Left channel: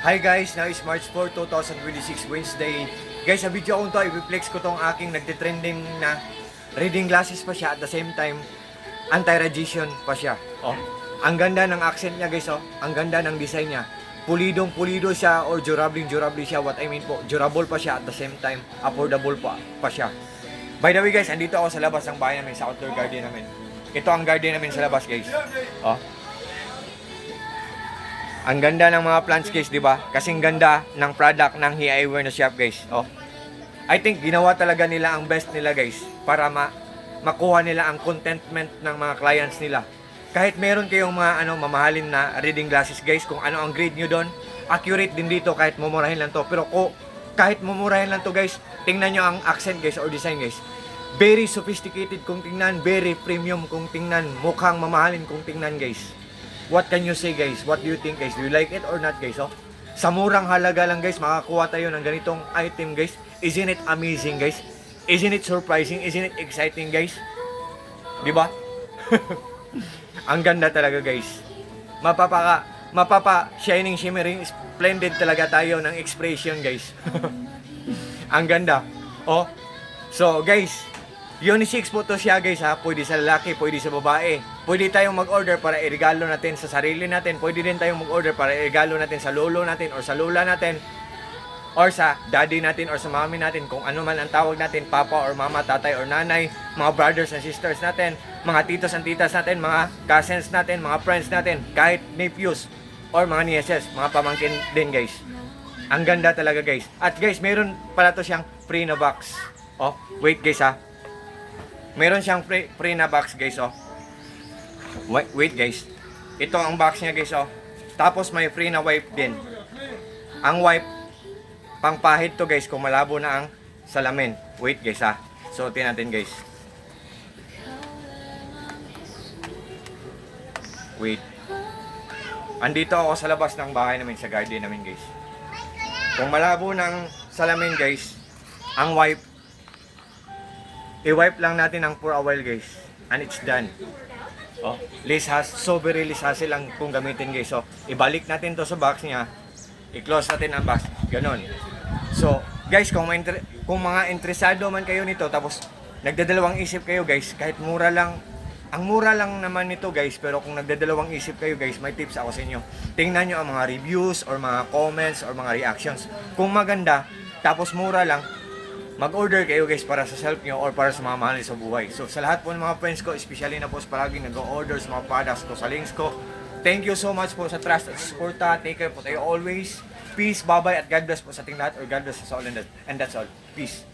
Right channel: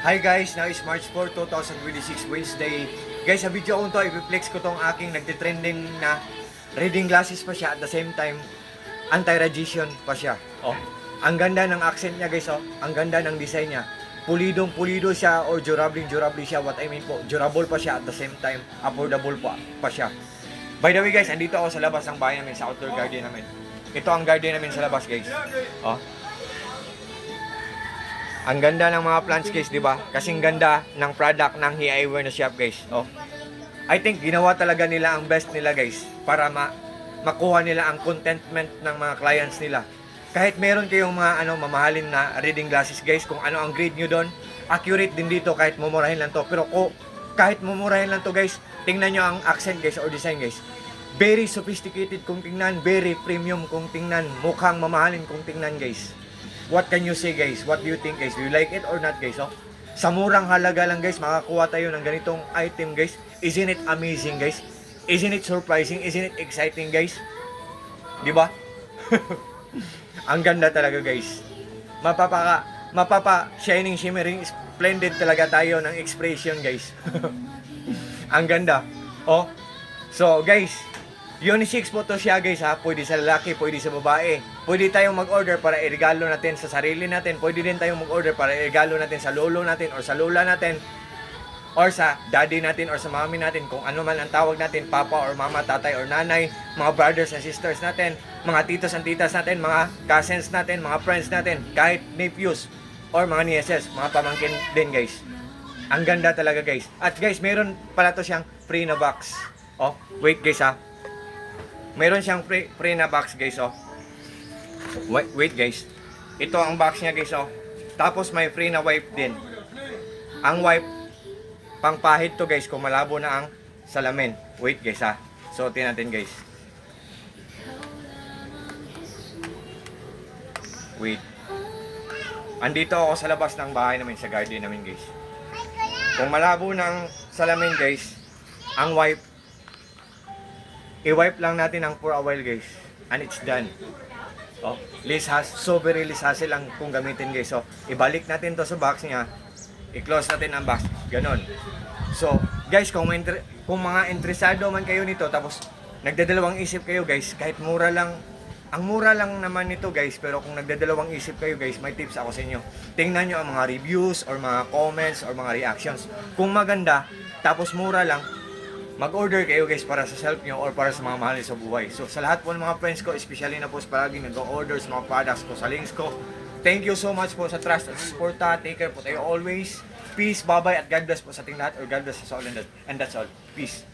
Hi guys, now is March 4, 2026, Wednesday. Guys, sa video ko to, i-flex ko tong aking nagtitrending na reading glasses pa siya at the same time anti-radiation pa siya. Oh, ang ganda ng accent niya guys, oh. Ang ganda ng design niya. Pulidong-pulido siya or durable siya. What I mean po, durable pa siya at the same time affordable pa siya. By the way guys, andito ako sa labas ng bahay namin, sa outdoor garden namin. Ito ang garden namin sa labas guys. Oh. Ang ganda ng mga plants guys, di ba? Kasing ganda ng product ng He Eyewear na shop guys. Oh. I think ginawa talaga nila ang best nila guys para makuha nila ang contentment ng mga clients nila. Kahit meron kayong mga mamahalin na reading glasses guys, kung ano ang grade nyo doon, accurate din dito kahit mumurahin lang to. Pero kahit mumurahin lang to guys, tingnan nyo ang accent guys or design guys. Very sophisticated kung tingnan, very premium kung tingnan, mukhang mamahalin kung tingnan guys. What can you say guys? What do you think guys? Do you like it or not guys? Oh? Sa murang halaga lang guys, makakuha tayo ng ganitong item guys. Isn't it amazing guys? Isn't it surprising? Isn't it exciting guys? Di ba? Ang ganda talaga guys. Mapapa shining, shimmering, splendid talaga tayo ng expression guys. Ang ganda. Oh. So guys, unisex po to siya guys ha. Pwede sa lalaki, pwede sa babae. Pwede tayong mag-order para i-regalo natin sa sarili natin. Pwede din tayong mag-order para i-regalo natin sa lolo natin or sa lola natin. Or sa daddy natin or sa mami natin. Kung ano man ang tawag natin, papa or mama, tatay or nanay. Mga brothers and sisters natin. Mga titos and titas natin. Mga cousins natin. Mga friends natin. Kahit nephews or mga nieces. Mga pamangkin din guys. Ang ganda talaga guys. At guys, meron pala to siyang free na box. Oh, wait guys ha. Meron siyang free na box guys oh. Wait guys. Ito ang box niya guys oh. Tapos may free na wipe din. Ang wipe pangpahid to guys kung malabo na ang salamin. Wait guys ha. Suotin natin guys. Wait. Andito ako sa labas ng bahay namin, sa garden namin guys. Kung malabo ng salamin guys, ang wipe, i-wipe lang natin ng for a while guys. And it's done. Oh, so very less hassle lang kung gamitin guys. So, ibalik natin to sa box niya. I-close natin ang box. Ganon. So, guys, kung mga interesado man kayo nito, tapos nagdadalawang isip kayo guys, kahit mura lang, ang mura lang naman nito guys, pero kung nagdadalawang isip kayo guys, may tips ako sa inyo. Tingnan nyo ang mga reviews or mga comments or mga reactions. Kung maganda, tapos mura lang, mag-order kayo guys para sa self nyo or para sa mga mahal sa buhay. So sa lahat po ng mga friends ko, especially na po palaging nag-order sa mga products ko, sa links ko, thank you so much po sa trust at support. Take care po tayo always. Peace, bye-bye, at God bless po sa ating lahat, or God bless us all, and that's all. Peace.